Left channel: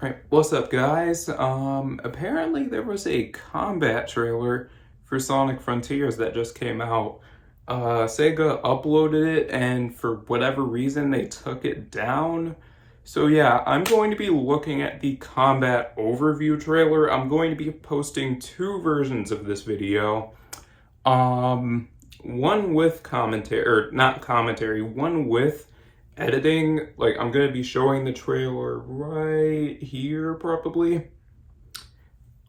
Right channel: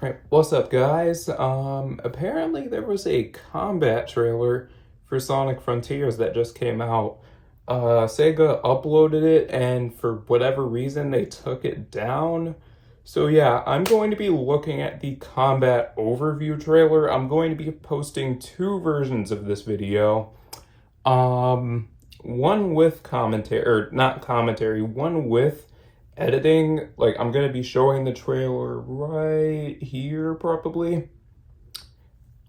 Right, what's up guys? Apparently there was a combat trailer for Sonic Frontiers that just came out. Sega uploaded it and for whatever reason they took it down. So yeah, I'm going to be looking at the combat overview trailer. I'm going to be posting two versions of this video. One with commentary, or not commentary, one with editing. Like, I'm gonna be showing the trailer right here probably.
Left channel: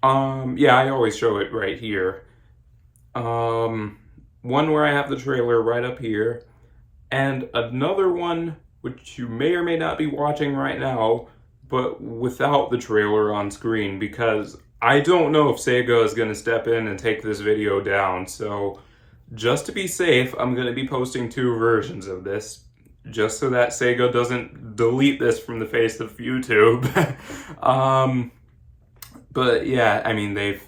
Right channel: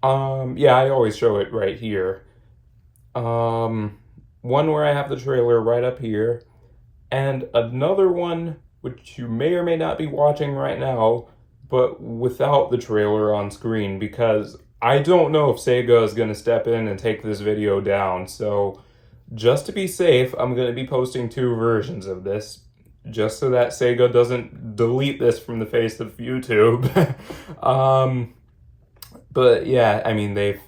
Yeah, I always show it right here. One where I have the trailer right up here, and another one which you may or may not be watching right now, but without the trailer on screen, because I don't know if Sega is gonna step in and take this video down. So just to be safe, I'm gonna be posting two versions of this, just so that Sega doesn't delete this from the face of YouTube. But yeah, I mean, they've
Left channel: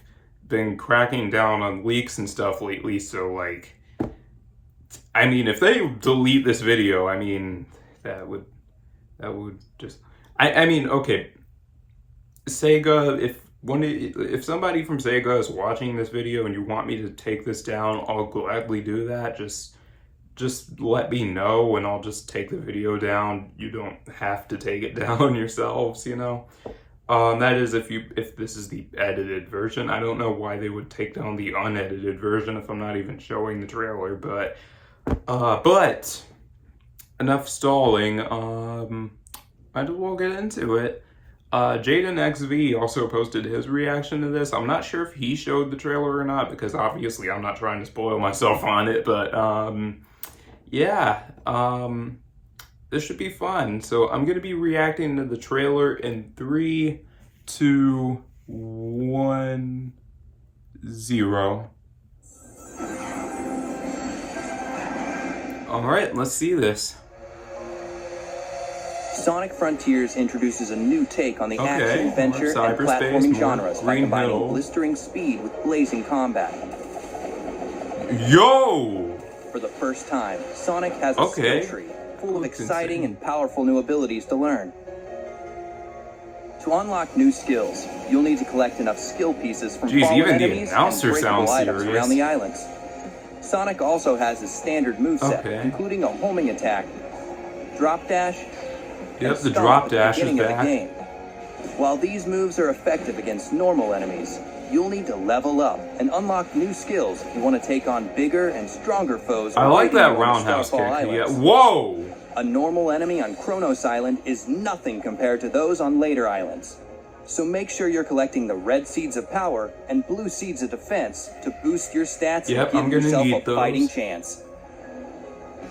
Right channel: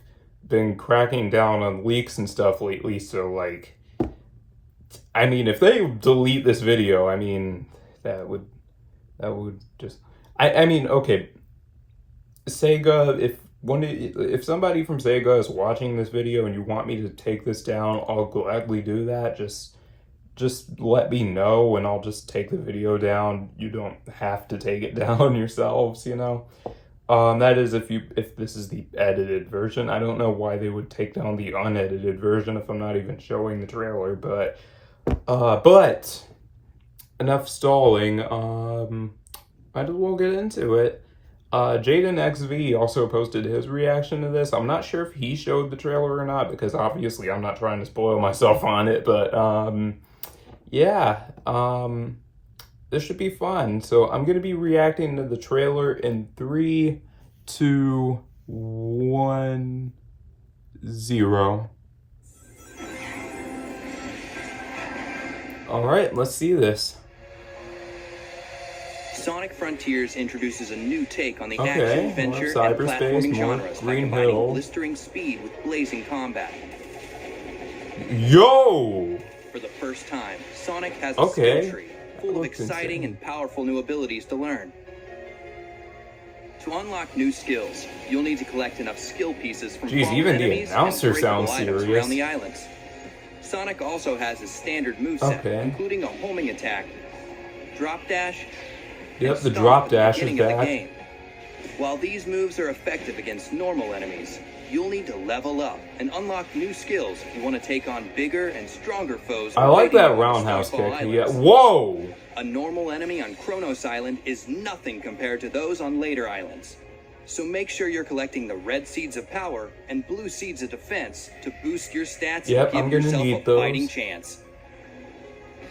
been cracking down on leaks and stuff lately, so like, I mean, if they delete this video, I mean, that would just, I mean, okay, Sega, if somebody from Sega is watching this video and you want me to take this down, I'll gladly do that. Just let me know and I'll just take the video down. You don't have to take it down yourselves, you know. That is if this is the edited version. I don't know why they would take down the unedited version if I'm not even showing the trailer, but enough stalling. Might as well get into it. Jaden XV also posted his reaction to this. I'm not sure if he showed the trailer or not, because obviously I'm not trying to spoil myself on it, but yeah, this should be fun. So I'm going to be reacting to the trailer in 3, 2, 1, 0. All right, let's see this. Sonic Frontiers introduces a new take on the action, adventure, and cyberspace, platforming genres by Green combining Hill. blistering speed with blazing combat. Yo! For the first time, Sonic has a skill tree full of exciting and powerful new abilities to learn. To unlock new skills, you'll need to collect enough skill pieces from fallen even the enemies announcer and breakable sounds items serious. around the islands. Sonic also has a standard moveset, including a homing attack, drop dash. Yep, the drop dash is back. While these moves are effective against normal enemies, you'll need to level up and unlock new skills if you want to take on bigger and stronger foes. I like that roundhouse kick. Yeah. Whoa! A normal enemy on Kronos Island is nothing compared to those on later islands. So make sure you're collecting the red seeds of power and blue seeds of defense to boost your stats and give yourself a fighting chance.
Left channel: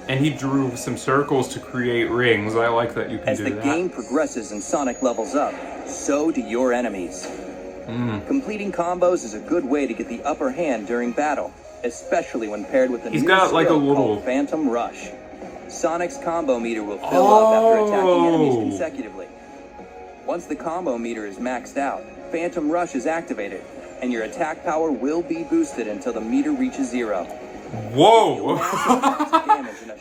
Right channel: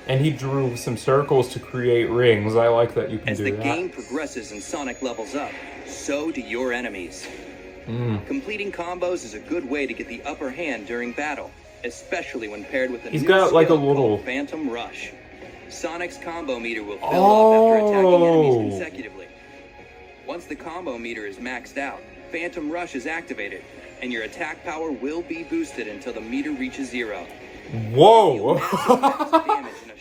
And he drew some circles to create rings. I like that you can do that. As the game progresses and Sonic levels up, so do your enemies. Completing combos is a good way to get the upper hand during battle, especially when paired with a new skill called Phantom Rush. Sonic's combo meter will fill up after attacking enemies consecutively. Once the combo meter is maxed out, Phantom Rush is activated, and your attack power will be boosted until the meter reaches 0. Whoa!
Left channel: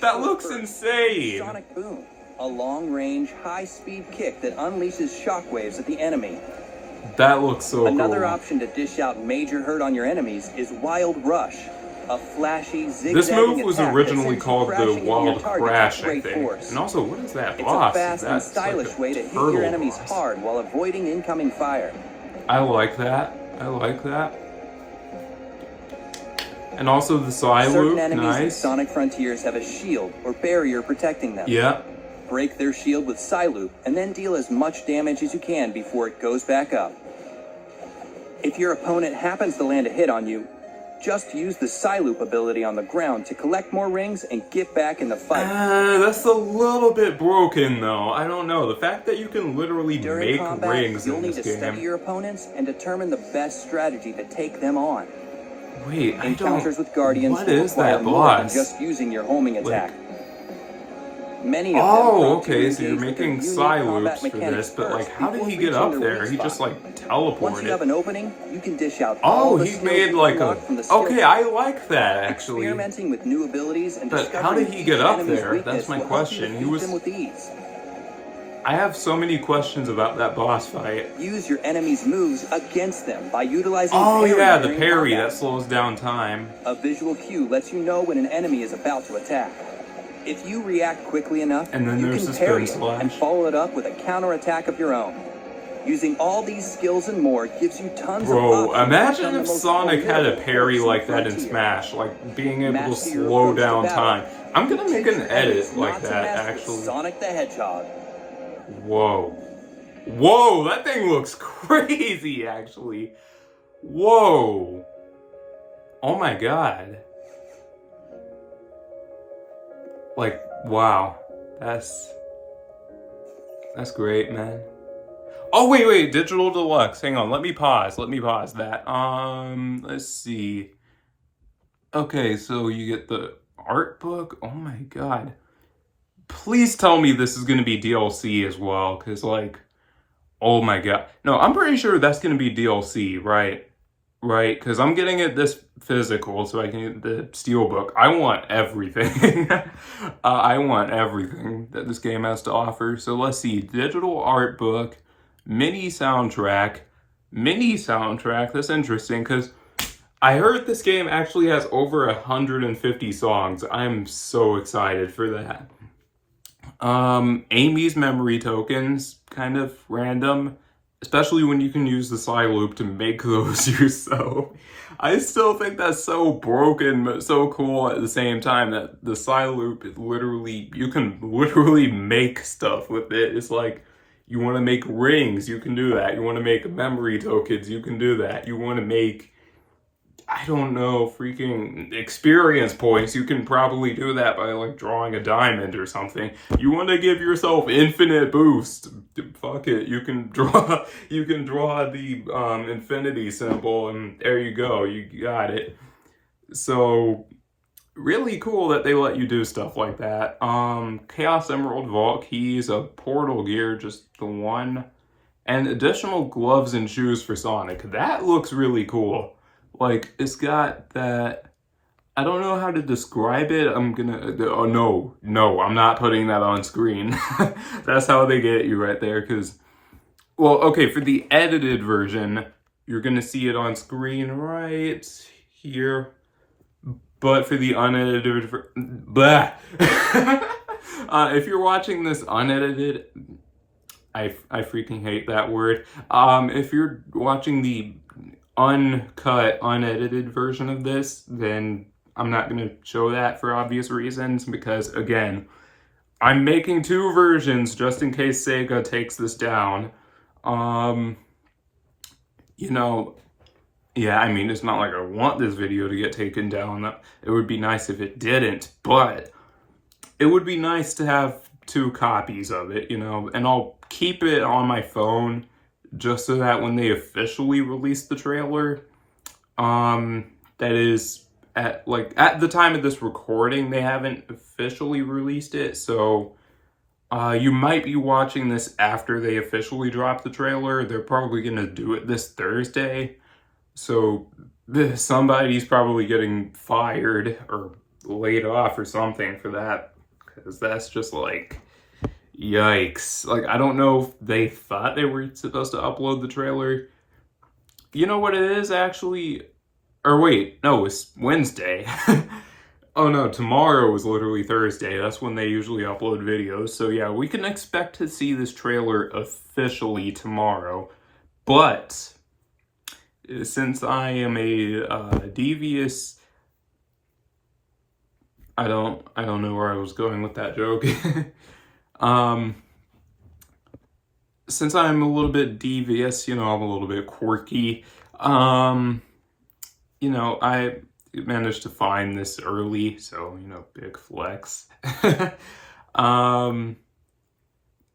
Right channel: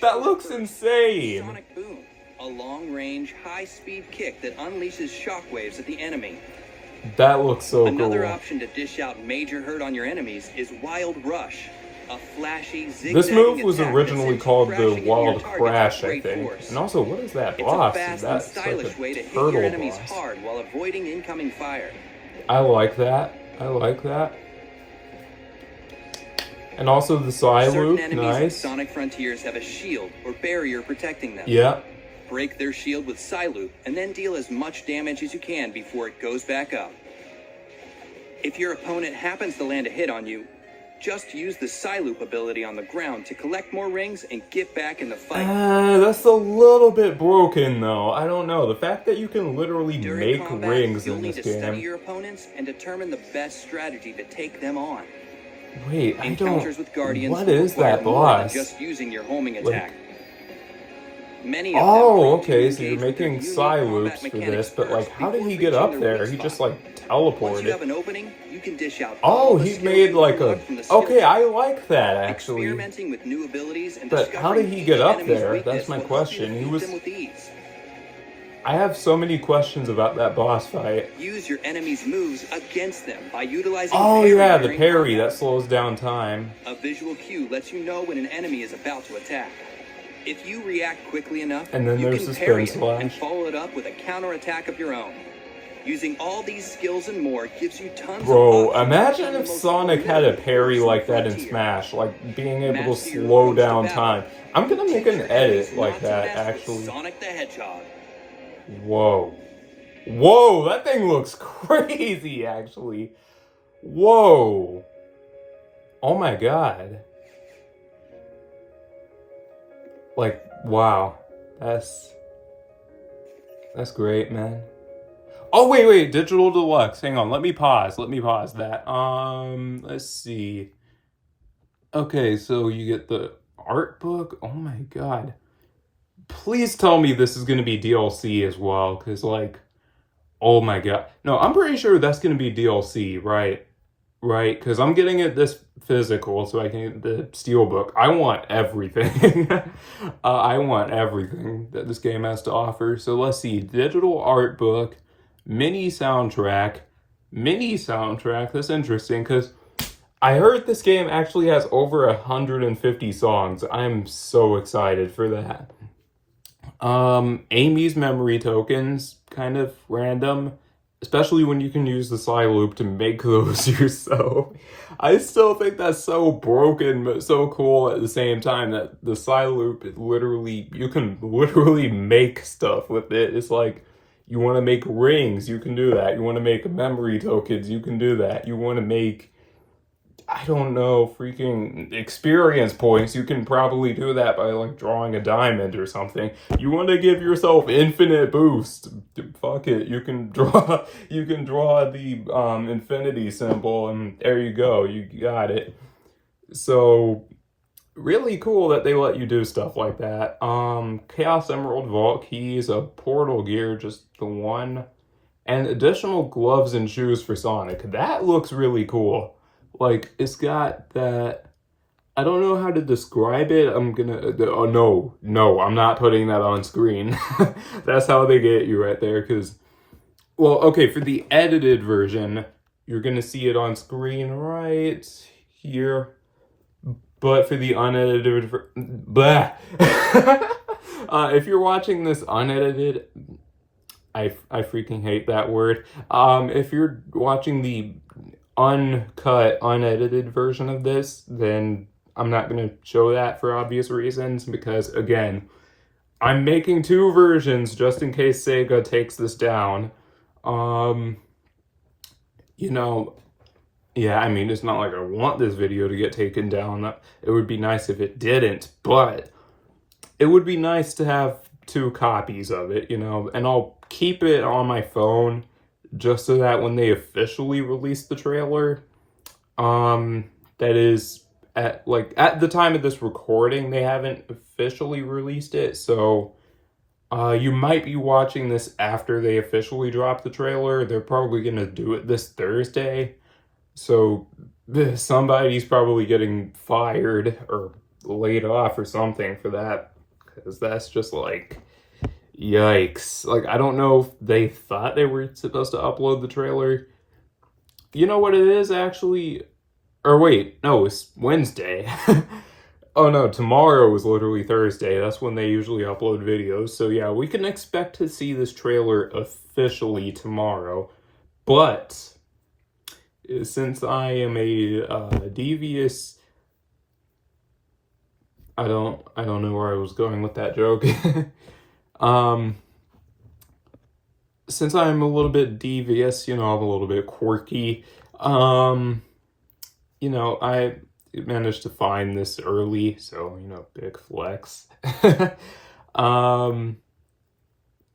That looks insane! Sonic Boom, a long-range, high-speed kick that unleashes shockwaves at the enemy. That looks so cool. Another option to dish out major hurt on your enemies is Wild Rush, a flashy, zigzagging This move was attack originally called the Wild target Crash, I with great think. force. And also, what is that It's boss? a fast and stylish way to hit your enemies hard while avoiding incoming fire. I like that. I like that. And also the side loop, nice. In Sonic Frontiers have a shield or barrier protecting them. Yeah. Break their shield with Psy-Loop and then deal as much damage as you can before it goes back up. If your opponent happens to land a hit on you, just use the Psy-Loop ability on the ground to collect more rings and get back in the fight. That's a little bit broken though. I don't know. The fact that you can literally make combat, rings you'll in need this to game. study your opponents and determine the best strategy to take them on. Wait, I Encounters don't... with Guardians What is that more boss? than just using your homing attack. Many of them okay, so you're making Psy-Loops for this, but like, how did he get up there? He just like teleported. Once you have an opening, you can dish out he made like a... Okay, I like that actually. Experimenting with new abilities and but how did he get up there? That's my question. He was... I have so many questions about that boss fight. Use your enemy's moves against them by utilizing Oh parry yeah, the during parry, combat. that slows down time. A visual cue lets you know when an enemy is about to attack. If you react quickly enough, And then you there's can the parry spin it and slash. follow it up with a counterattack of your own. Using all these skills and more gives you tons Bro, of options. imagine if Sonic had a parry like that in Smash, like being able to slow down time. I'm gonna make an edit like that, actually. Sonic the Hedgehog. Whoa. Whoa, that thing looks crazy, actually. Whoa. Oh my god. Like, wow. That's great, man. Oh, wait, Digital Deluxe. Hang on, let me pause that. Let's see. Okay, so you get the art book. Oh my god. Please tell me this is gonna be DLC as well, because, like, oh my god. No, I'm pretty sure that's gonna be DLC, right? Right, because I'm getting it this physical, so I can get the steelbook. I want everything. I want everything that this game has to offer. So let's see. Digital art book, mini soundtrack. That's interesting, because I heard this game actually has over 150 songs. I'm so excited for that. Amy's memory tokens, kind of random, especially when you can use the slide loop to make those yourself. I still think that's so broken, but so cool at the same time, that the slide loop is literally, you can literally make stuff with it. It's like, you want to make rings, you can do that. You want to make memory tokens, you can do that. You want to make, I don't know, freaking experience points, you can probably do that by, like, drawing a diamond or something. You want to give yourself infinite boost, fuck it, you can draw the infinity symbol, and there you go, you got it. So really cool that they let you do stuff like that. Chaos Emerald Vault Keys, a portal gear, just the one, and additional gloves and shoes for Sonic. That looks really cool. Like, it's got that, I don't know how to describe it. I'm not putting that on screen. That's how they get you right there, because, well, okay, for the edited version, you're gonna see it on screen right here. But for the unedited, if you're watching this unedited, I freaking hate that word. If you're watching the uncut, unedited version of this, then I'm not going to show that for obvious reasons, because, again, I'm making two versions just in case Sega takes this down. You know, yeah, I mean, it's not like I want this video to get taken down. It would be nice if it didn't, but it would be nice to have two copies of it, you know, and I'll keep it on my phone just so that when they officially release the trailer, that is, at the time of this recording, they haven't officially released it, so you might be watching this after they officially drop the trailer. They're probably gonna do it this Thursday, so somebody's probably getting fired or laid off or something for that, because that's just like, yikes. Like, I don't know if they thought they were supposed to upload the trailer. You know what it is, actually? Or wait, no, it's Wednesday. Oh no, tomorrow is literally Thursday. That's when they usually upload videos. So yeah, we can expect to see this trailer officially tomorrow. But since I am a devious... I don't know where I was going with that joke. Since I'm a little bit devious, you know, I'm a little bit quirky, you know, I managed to find this early, so, you know, big flex.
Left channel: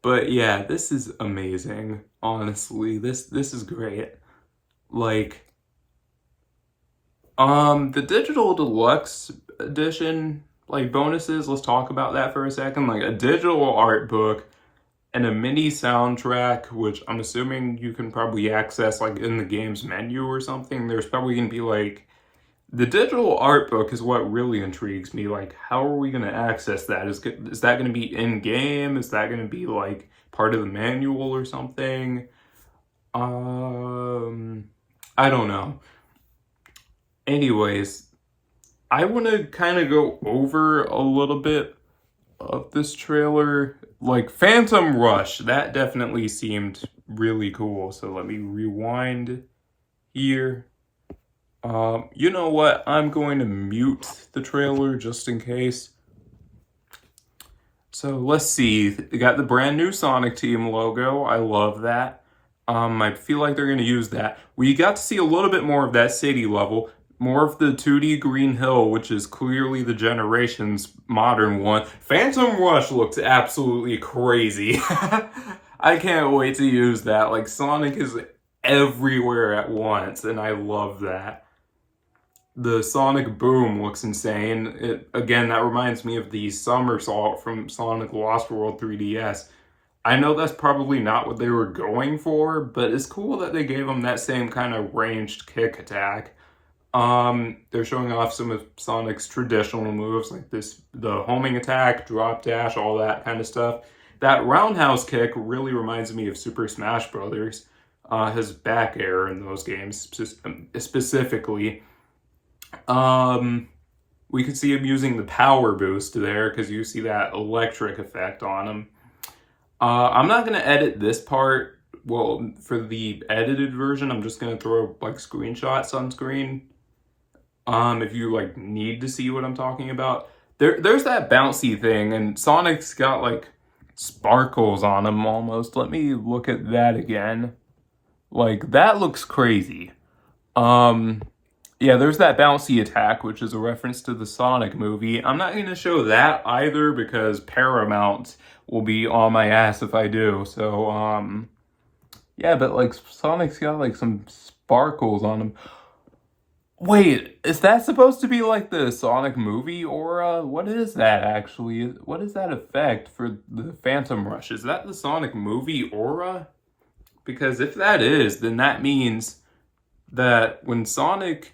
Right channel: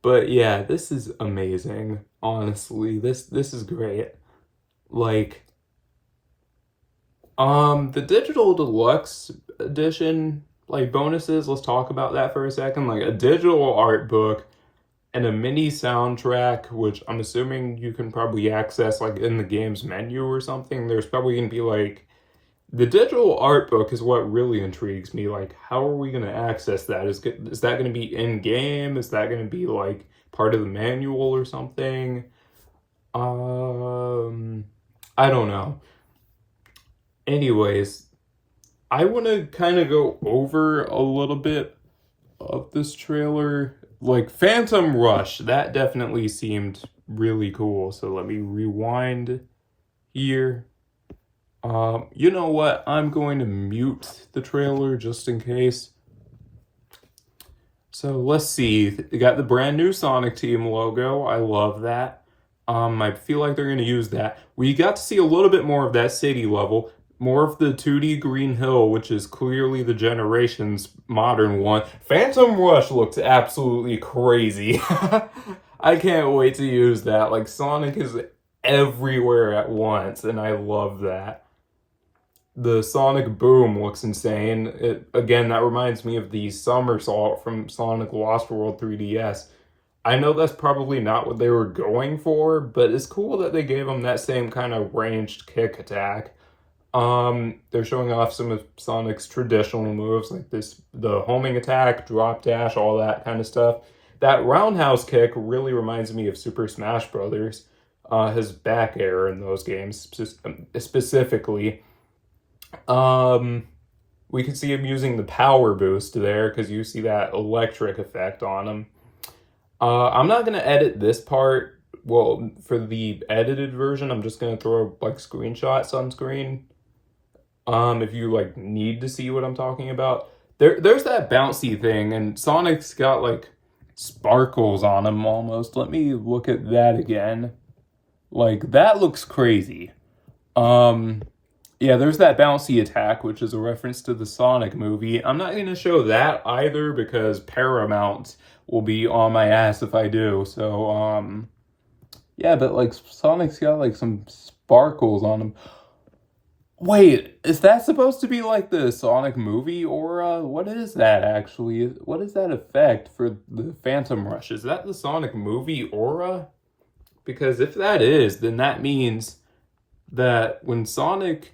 But yeah, this is amazing, honestly. This is great. Like, the Digital Deluxe edition, like, bonuses, let's talk about that for a second. Like, a digital art book and a mini soundtrack, which I'm assuming you can probably access, like, in the game's menu or something. There's probably gonna be, like, the digital art book is what really intrigues me. Like, how are we gonna access that? Is that gonna be in-game? Is that gonna be, like, part of the manual or something. I don't know. Anyways, I want to kind of go over a little bit of this trailer. Like Phantom Rush, that definitely seemed really cool. So let me rewind here. You know what? I'm going to mute the trailer just in case. So let's see. They got the brand new Sonic Team logo. I love that. I feel like they're going to use that. We got to see a little bit more of that city level. More of the 2D Green Hill, which is clearly the Generations modern one. Phantom Rush looks absolutely crazy. I can't wait to use that. Like, Sonic is everywhere at once, and I love that. The Sonic Boom looks insane. Again, that reminds me of the somersault from Sonic Lost World 3DS. I know that's probably not what they were going for, but it's cool that they gave him that same kind of ranged kick attack. They're showing off some of Sonic's traditional moves, like the homing attack, drop dash, all that kind of stuff. That roundhouse kick really reminds me of Super Smash Brothers. His back air in those games, specifically. We could see him using the power boost there, because you see that electric effect on him. I'm not going to edit this part. Well, for the edited version, I'm just going to throw like screenshots on screen. If you like need to see what I'm talking about. There's that bouncy thing, and Sonic's got like sparkles on him almost. Let me look at that again. Like, that looks crazy. Yeah, there's that bouncy attack, which is a reference to the Sonic movie. I'm not going to show that either because Paramount will be on my ass if I do. So, yeah, but like Sonic's got like some sparkles on him. Wait, is that supposed to be like the Sonic movie aura? What is that actually? What is that effect for the Phantom Rush? Is that the Sonic movie aura? Because if that is, then that means that when Sonic...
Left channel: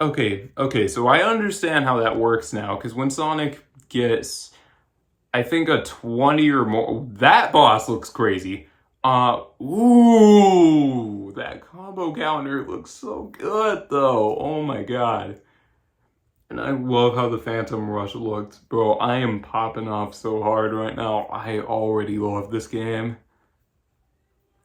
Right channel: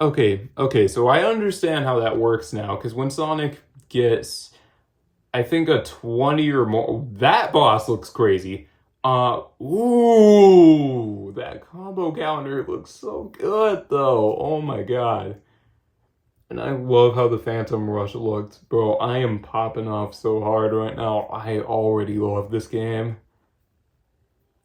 Okay, so I understand how that works now, because when Sonic gets, I think, a 20 or more... That boss looks crazy. Ooh, that combo counter looks so good, though. Oh my god. And I love how the Phantom Rush looked. Bro, I am popping off so hard right now. I already love this game.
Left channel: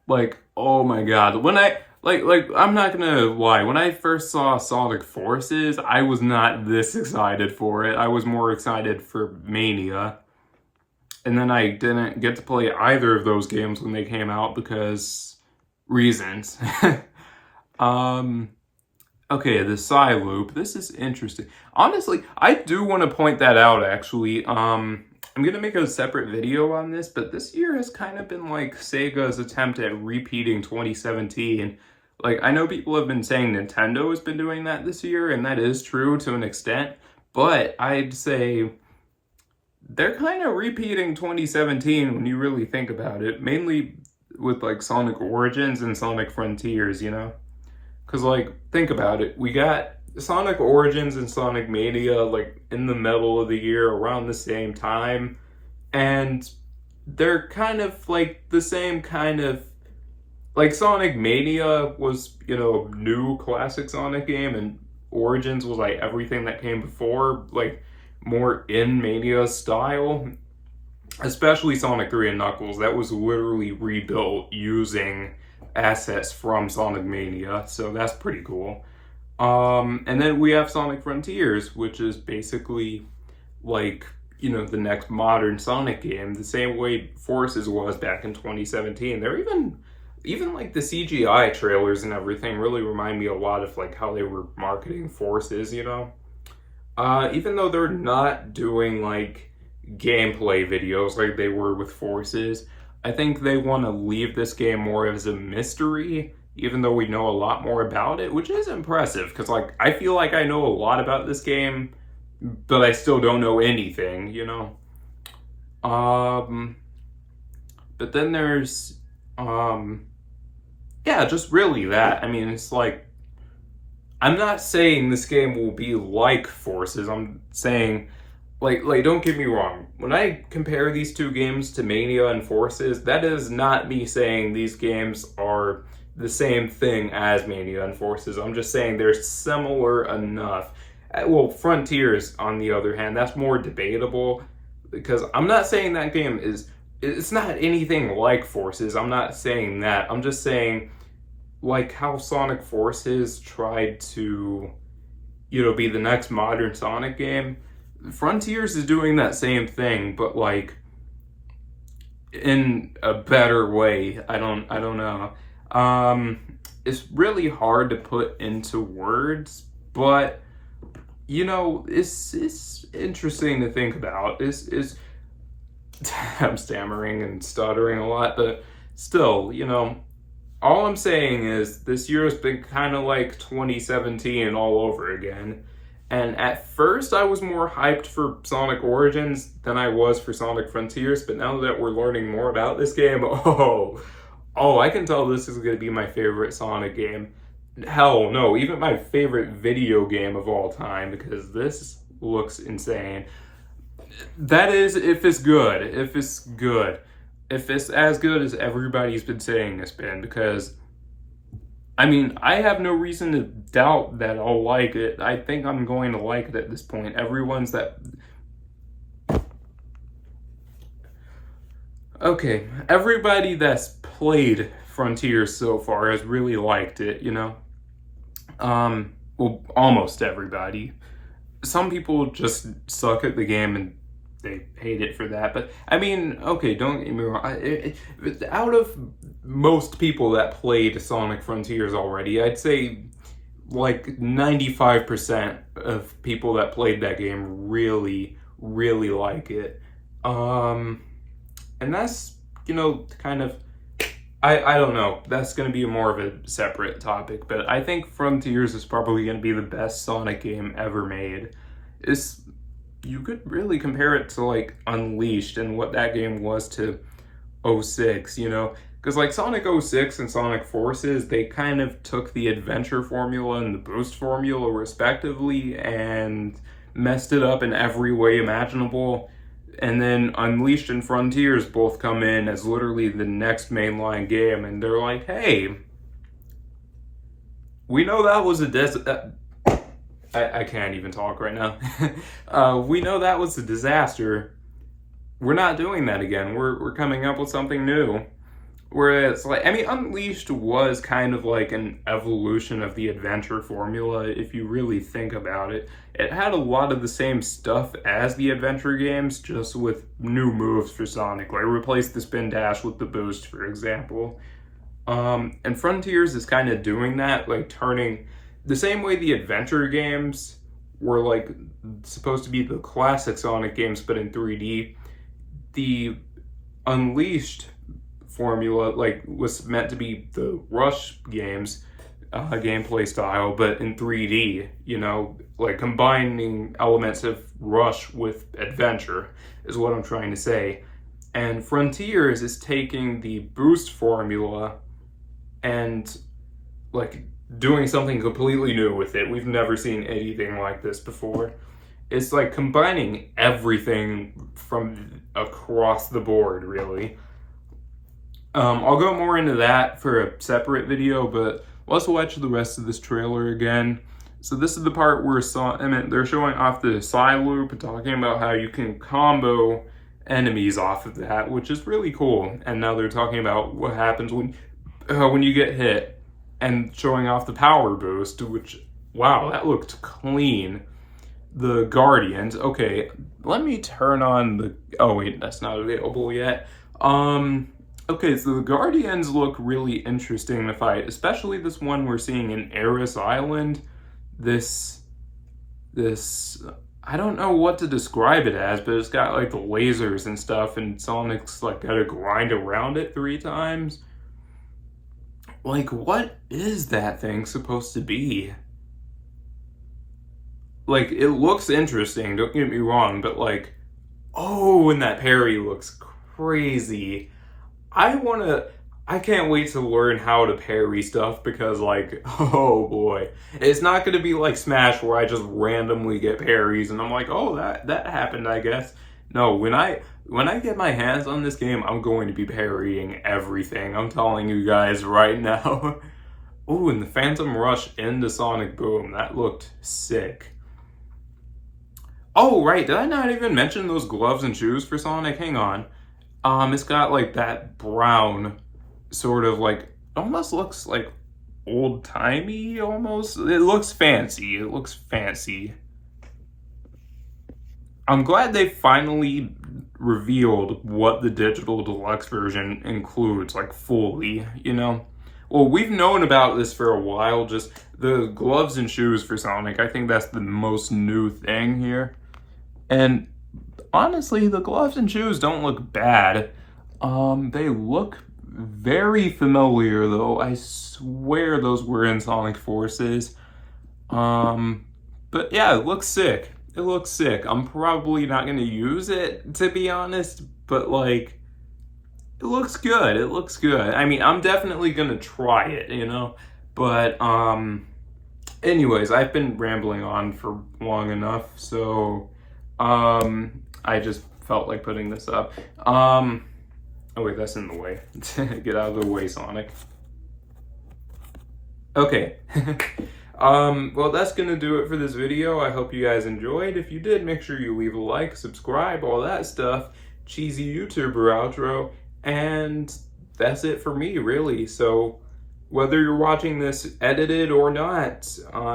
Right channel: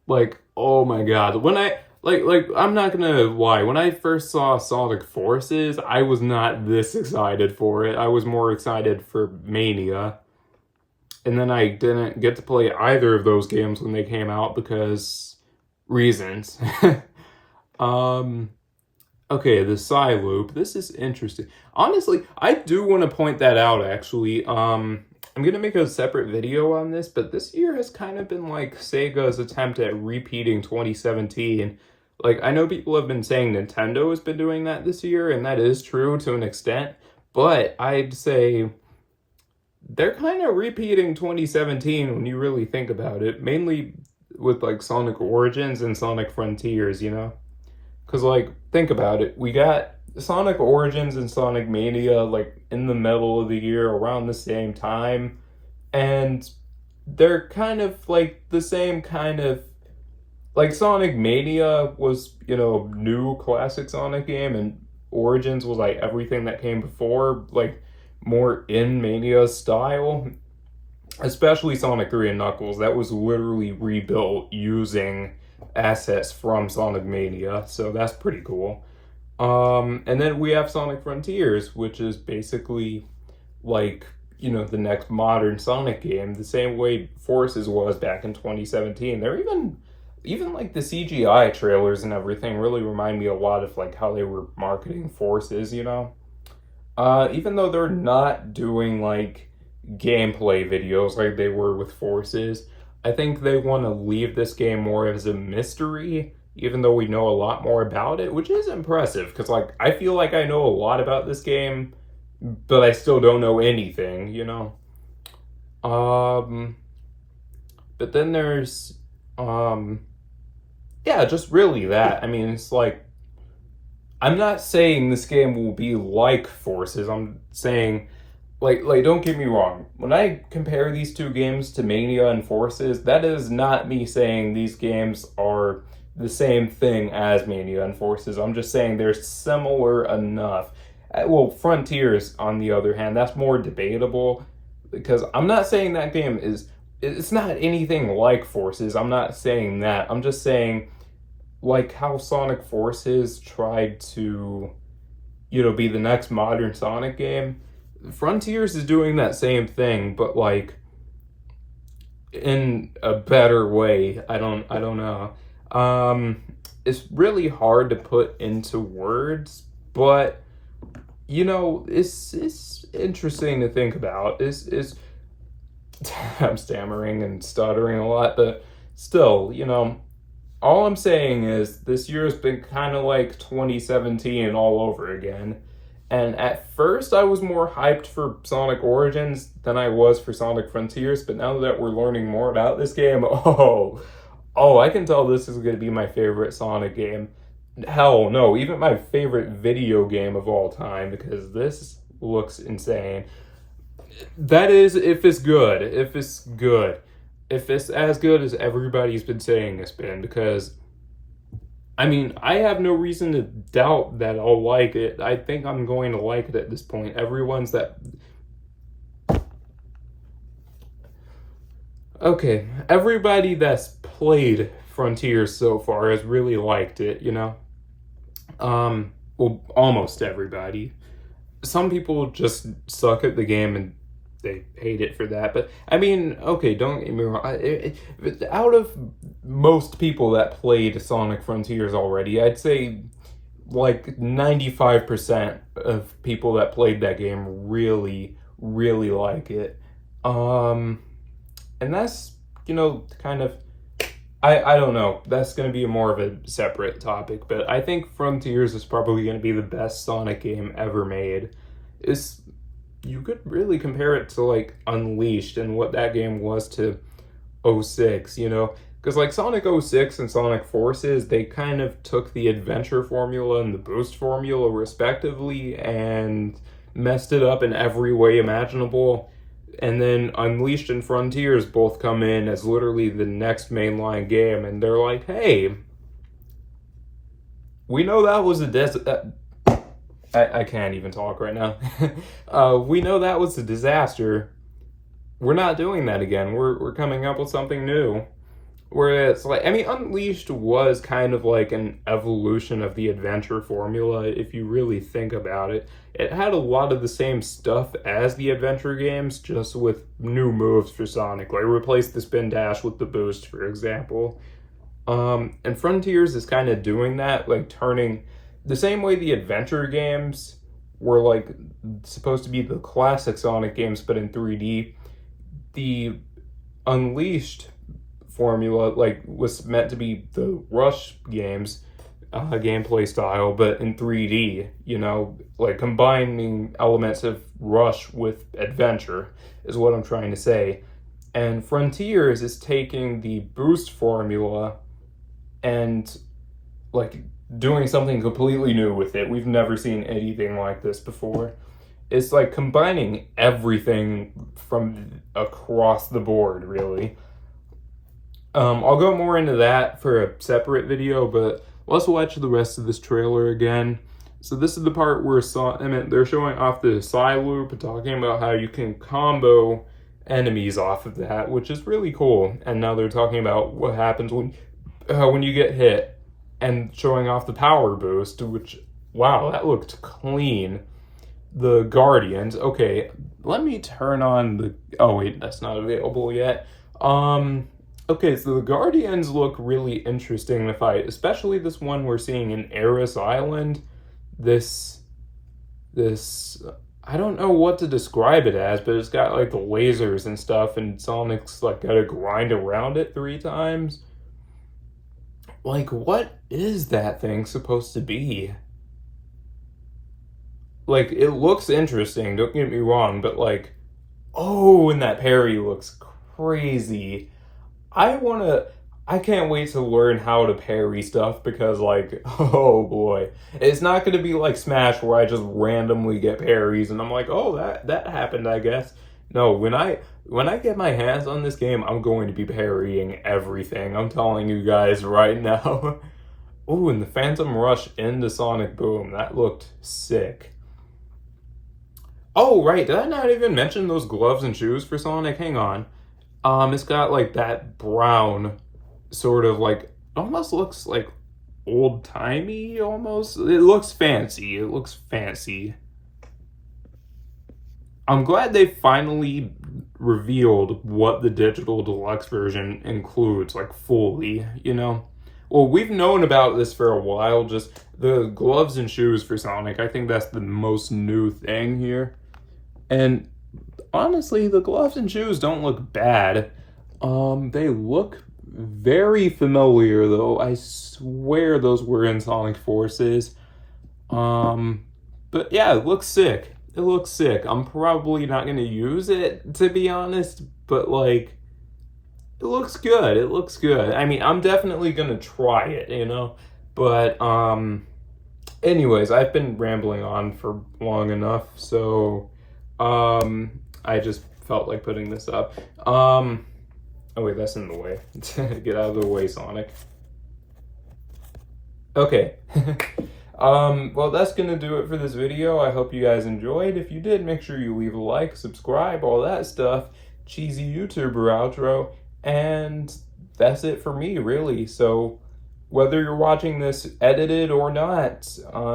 Like, oh my god. When I... Like, I'm not gonna lie, when I first saw Sonic Forces, I was not this excited for it. I was more excited for Mania. And then I didn't get to play either of those games when they came out because reasons. Okay, the Psy Loop. This is interesting. Honestly, I do want to point that out, actually. I'm going to make a separate video on this, but this year has kind of been like Sega's attempt at repeating 2017. Like, I know people have been saying Nintendo has been doing that this year, and that is true to an extent, but I'd say they're kind of repeating 2017 when you really think about it, mainly with like Sonic Origins and Sonic Frontiers, you know? Because, like, think about it. We got Sonic Origins and Sonic Mania, like, in the middle of the year, around the same time. And they're kind of, like, the same kind of... Like, Sonic Mania was, you know, new classic Sonic game, and Origins was, like, everything that came before, like, more in Mania style. Especially Sonic 3 and Knuckles. That was literally rebuilt using assets from Sonic Mania, so that's pretty cool. And then we have Sonic Frontiers, which is basically like, you know, the next modern Sonic game, the same way Forces was back in 2017. They're even like the CGI trailers and everything really remind me a lot of like how they were marketing Forces, you know? Even though they're not doing like gameplay videos like they were with Forces, I think they want to leave this game more as a mystery, even though we know a lot more about it, which is impressive, because, like, I feel like I know a lot about this game, but I still don't know anything, you know? But then there's, yeah, just really that. I mean, it's like, I'm not saying this game will be like Forces, I'm saying like don't get me wrong. When I compare these two games to Mania and Forces, that is not me saying these games are the same thing as Mania and Forces. I'm just saying they're similar enough. Well, Frontiers, on the other hand, that's more debatable, because I'm not saying that game is, it's not anything like Forces. I'm not saying that. I'm just saying, like how Sonic Forces tried to, be the next modern Sonic game, Frontiers is doing that same thing, but like in a better way. I don't know. It's really hard to put into words, but it's interesting to think about. Is I'm stammering and stuttering a lot, but still, all I'm saying is this year has been kind of like 2017 all over again. And at first I was more hyped for Sonic Origins than I was for Sonic Frontiers, but now that we're learning more about this game, I can tell this is going to be my favorite Sonic game. Hell no, even my favorite video game of all time, because this looks insane. That is, if it's good. If it's as good as everybody's been saying it's been, because I have no reason to doubt that I'll like it. I think I'm going to like it at this point. Everybody that's played Frontiers so far has really liked it, well, almost everybody. Some people just suck at the game and they hate it for that. But don't get me wrong. Out of most people that played Sonic Frontiers already, I'd say like 95% of people that played that game really, really like it. And that's, kind of, I don't know. That's going to be more of a separate topic, but I think Frontiers is probably going to be the best Sonic game ever made. You could really compare it to like Unleashed and what that game was to 06, because like Sonic 06 and Sonic Forces, they kind of took the adventure formula and the boost formula respectively and messed it up in every way imaginable. And then Unleashed and Frontiers both come in as literally the next mainline game, and they're like, hey, we know that was a I can't even talk right now. We know that was a disaster. We're not doing that again. We're coming up with something new. Where it's like, Unleashed was kind of like an evolution of the adventure formula, if you really think about it. It had a lot of the same stuff as the adventure games, just with new moves for Sonic. Like, replace the spin dash with the boost, for example. And Frontiers is kind of doing that, like turning the same way the adventure games were like supposed to be the classic Sonic games, but in 3D. The Unleashed formula was meant to be the Rush games gameplay style, but in 3D, like combining elements of Rush with adventure is what I'm trying to say. And Frontiers is taking the boost formula and like doing something completely new with it. We've never seen anything like this before. It's like combining everything from across the board, really. I'll go more into that for a separate video, but let's watch the rest of this trailer again. So this is the part where they're showing off the side loop and talking about how you can combo enemies off of that, which is really cool. And now they're talking about what happens when you get hit, and showing off the power boost, which, wow, that looked clean. The Guardians. Okay, let me turn on the... Oh, wait, that's not available yet. Okay, so the Guardians look really interesting to fight, especially this one we're seeing in Aris Island. This, I don't know what to describe it as, but it's got like lasers and stuff, and Sonic's like gotta grind around it 3 times. Like, what is that thing supposed to be? Like, it looks interesting, don't get me wrong, but like, oh, and that parry looks crazy. I I can't wait to learn how to parry stuff because, like, oh boy. It's not going to be like Smash where I just randomly get parries and I'm like, oh, that happened, I guess. No, when I get my hands on this game, I'm going to be parrying everything. I'm telling you guys right now. Ooh, and the Phantom Rush into Sonic Boom. That looked sick. Oh, right. Did I not even mention those gloves and shoes for Sonic? Hang on. It's got like that brown sort of like, almost looks like old-timey almost. It looks fancy. It looks fancy. I'm glad they finally revealed what the digital deluxe version includes, like fully, you know? Well, we've known about this for a while, just the gloves and shoes for Sonic. I think that's the most new thing here. And honestly, the gloves and shoes don't look bad. They look very familiar, though. I swear those were in Sonic Forces. But yeah, it looks sick. It looks sick. I'm probably not going to use it, to be honest, but like, it looks good. It looks good. I mean, I'm definitely going to try it, you know? But, anyways, I've been rambling on for long enough, so, I just felt like putting this up. Oh wait, that's in the way. Get out of the way, Sonic. Okay. Well, that's gonna do it for this video. I hope you guys enjoyed. If you did, make sure you leave a like, subscribe, all that stuff. Cheesy YouTuber outro. And that's it for me, really. So whether you're watching this edited or not,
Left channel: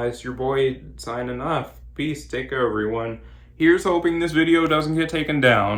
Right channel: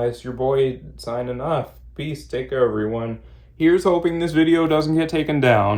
it's your boy signing off. Peace. Take care, everyone. Here's hoping this video doesn't get taken down.